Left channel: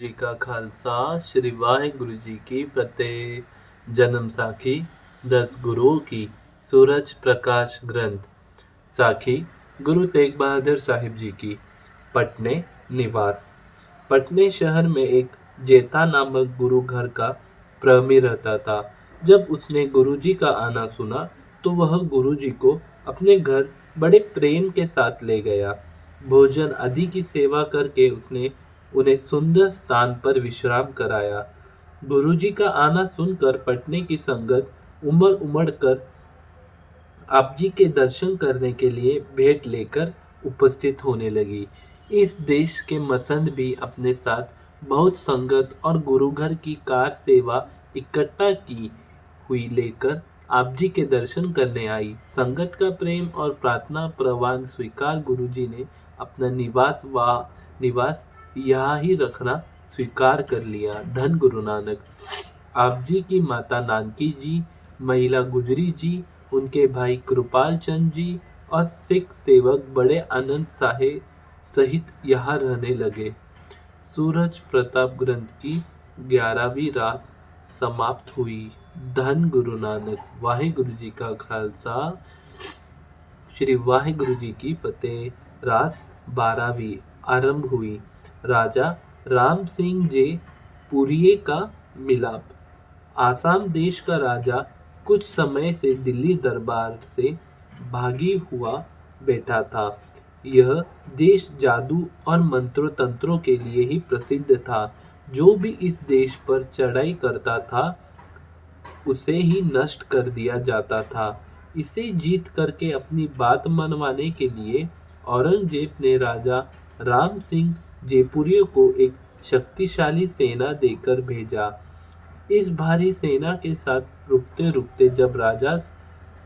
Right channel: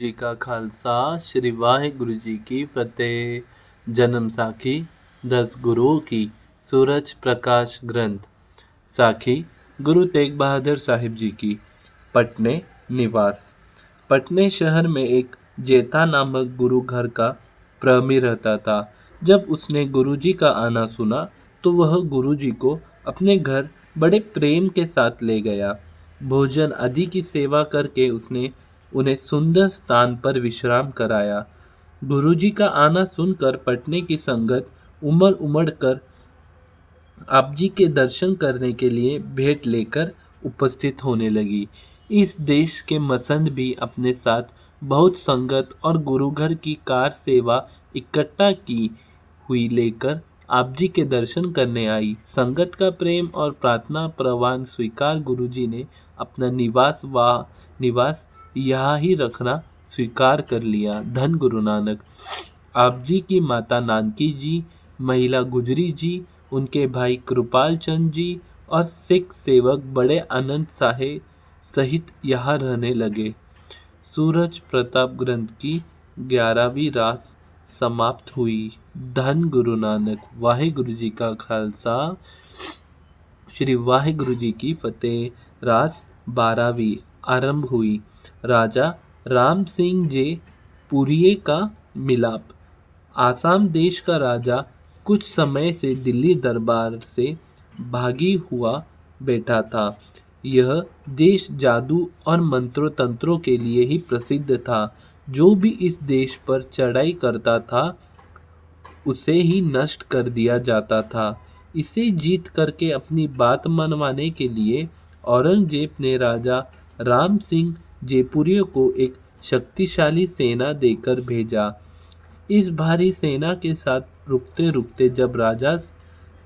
जी का खालसा श्री वाहिगुरु जी की फतेह। जन्म साखी 10 गुरुओं की सूरज प्रकाश ग्रंथ। साखी गुरु तेग बहादुर साहिब जी की। पटने निवास। पटने शहर में एक जेठा नामक गुरु घर का प्रहमी रहता था। जब उसने गुरुजी का आना सुना तो वह गुरुजी को अपने घर बड़े प्रेम के साथ ले गया। भोजन आदि की सेवा करके उसने उन्हें सुंदर स्थान पर विश्राम कराया। गुरुजी का आना सुनकर पटने की संगत उमड़ उमड़ कर आप जी के दर्शन करने के लिए भेंट लेकर उपस्थित होने लगी। इस देश के मसंद भी अपने साथ बहुत संगत और गुरुघर की कार सेवा इकट्ठा की हुई लेकर आप जी के दर्शन करने आई। संगत का प्रेम और प्रार्थना प्रवान स्वीकार गुरुजी ने अपना निवास यहाँ ही रखना स्वीकार कर लिया। धन गुरु नानक। आप जी की माता नानकी जी, महिला गुजरी जी, उनके भाई कृपाल चंद जी और सिख सेवक बड़े आनंद साहे सहित यहाँ रहने लगे। सूरज प्रताप ग्रंथ की 11वीं रास समाप्त हुई। धन गुरु नानक। वाहिगुरु जी का खालसा श्री वाहिगुरु जी की फतेह। रास 12वीं आरंभ हुई। राजा राम सिंह जे पुरिये का मिलाप। आसाम देश का राजा कुछ समय से दिल्ली दरबार से भागी हुआ बैठा था। यह देश जादू और मंत्रों तंत्रों के लिए ही प्रसिद्ध था। जो भी इस देश पर चढ़ाई करता था उसे ही नष्ट कर दिया जाता था। इसे जीत करके अपनी बात मनवाने के लिए औरंगजेब ने राजा राम सिंह जयपुरियों को एक शक्तिशाली सेना देकर भेजा। इस भारी सेना के साथ रुकते रुकते जब राजा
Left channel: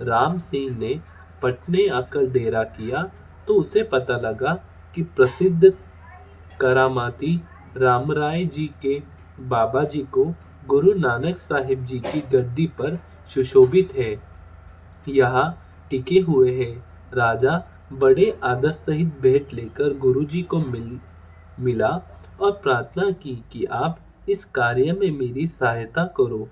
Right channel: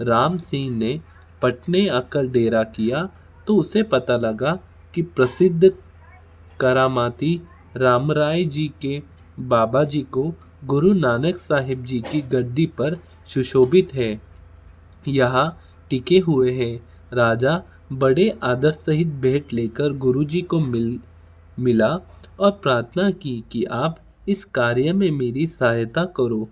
राम सिंह ने पटने आकर डेरा किया तो उसे पता लगा कि प्रसिद्ध करामाती रामराय जी के बाबा जी को गुरु नानक साहिब जी की गद्दी पर सुशोभित है, यहाँ टिके हुए हैं। राजा बड़े आदर सहित भेंट लेकर गुरुजी को मिला और प्रार्थना की कि आप इस कार्य में मेरी सहायता करो।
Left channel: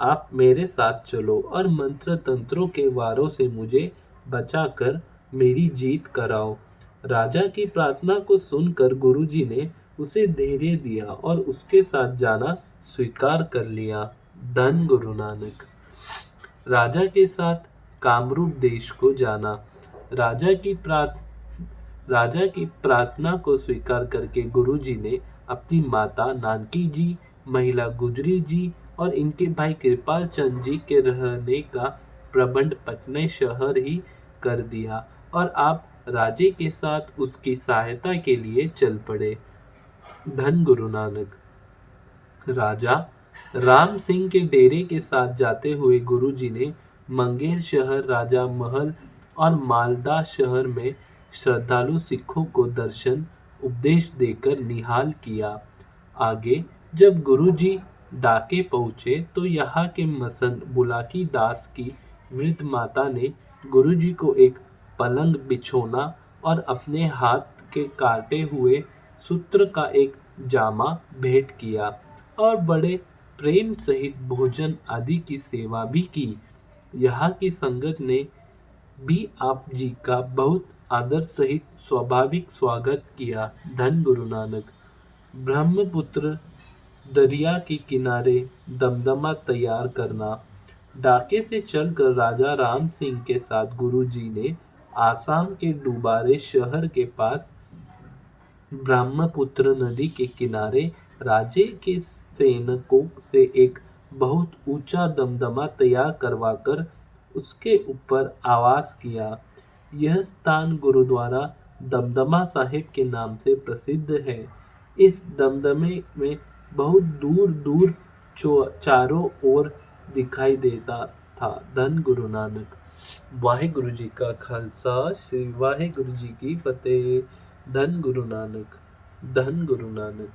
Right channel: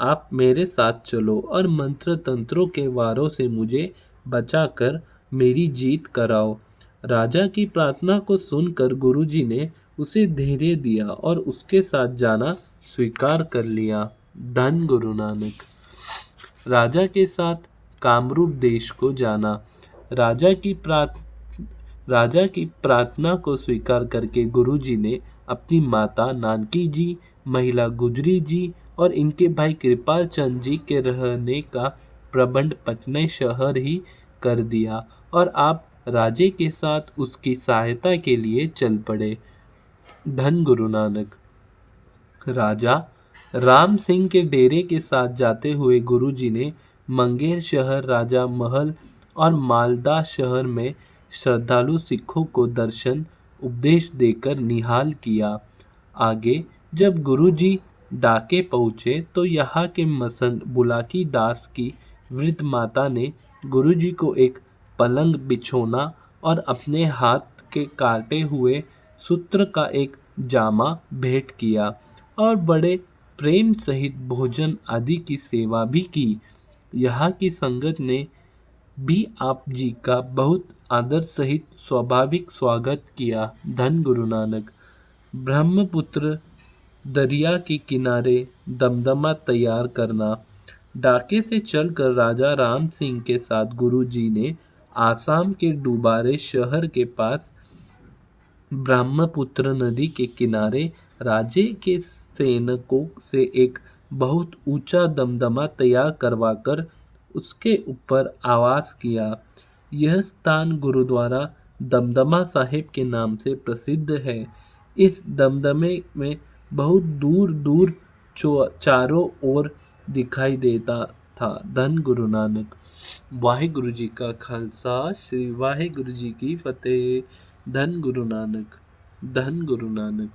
आप मेरे साथ चलो और मंत्र तंत्रों के वारों से मुझे बचाकर मेरी जीत कराओ। राजा की प्रार्थना को सुनकर गुरुजी ने उसे धैर्य दिया और उसके साथ जाना स्वीकार कर लिया। धन गुरु नानक। राजा के साथ कामरूप देश को जाना। राजा की प्रार्थ राजा की प्रार्थना को स्वीकार करके गुरुजी ने अपनी माता नानकी जी, महिला गुजरी जी और इनके भाई कृपाल चंद जी के रहने का प्रबंध पटना शहर ही कर दिया और आप राजे के साथ उसकी सहायता के लिए चल पड़े। धन गुरु नानक। राजा राम सिंह के डेरे के साथ जाते हुए गुरुजी ने मंगेर शहर, राजा महल और मालदा शहर में श्रद्धालु सिखों को दर्शन उपदेश देकर निहाल किया। आगे जब गुरुजी डाके पहुँचे तो यहाँ के मसंद बुलाकी दास की वृद्ध माता ने गुरुजी को एक पलंग बिछोना और अपने हाथ के काटे हुए सूत्र का एक जामा भेंट किया और बड़े प्रेम सहित भोजन आदि की सेवा भी की। यहाँ की संगत ने भी आप जी का बहुत आदर सहित स्वाभाविक स्वागत किया। धन गुरु नानक। ब्रह्मपुत्र दरिया के किनारे दमदमा तैयार करना। डाके से चलकर राजा राम सिंह के साथ गुरुजी ने आसाम के डुबारे शहर के पास ब्रह्मपुत्र नदी के किनारे राज्य के सैनिकों से एक बहुत ऊंचा दमदमा तैयार करवाकर उसके ऊपर आवास किया। यह स्थान गुरुद्वारा दमदमा साहिब के नाम से प्रसिद्ध है। इस दमदमे में बहुत दूर दूर चारों ओर दिखाई देता था। धन गुरु नानक। वाहिगुरु जी का खालसा श्री वाहिगुरु जी की फतेह। धन गुरु नानक। धन गुरु नानक।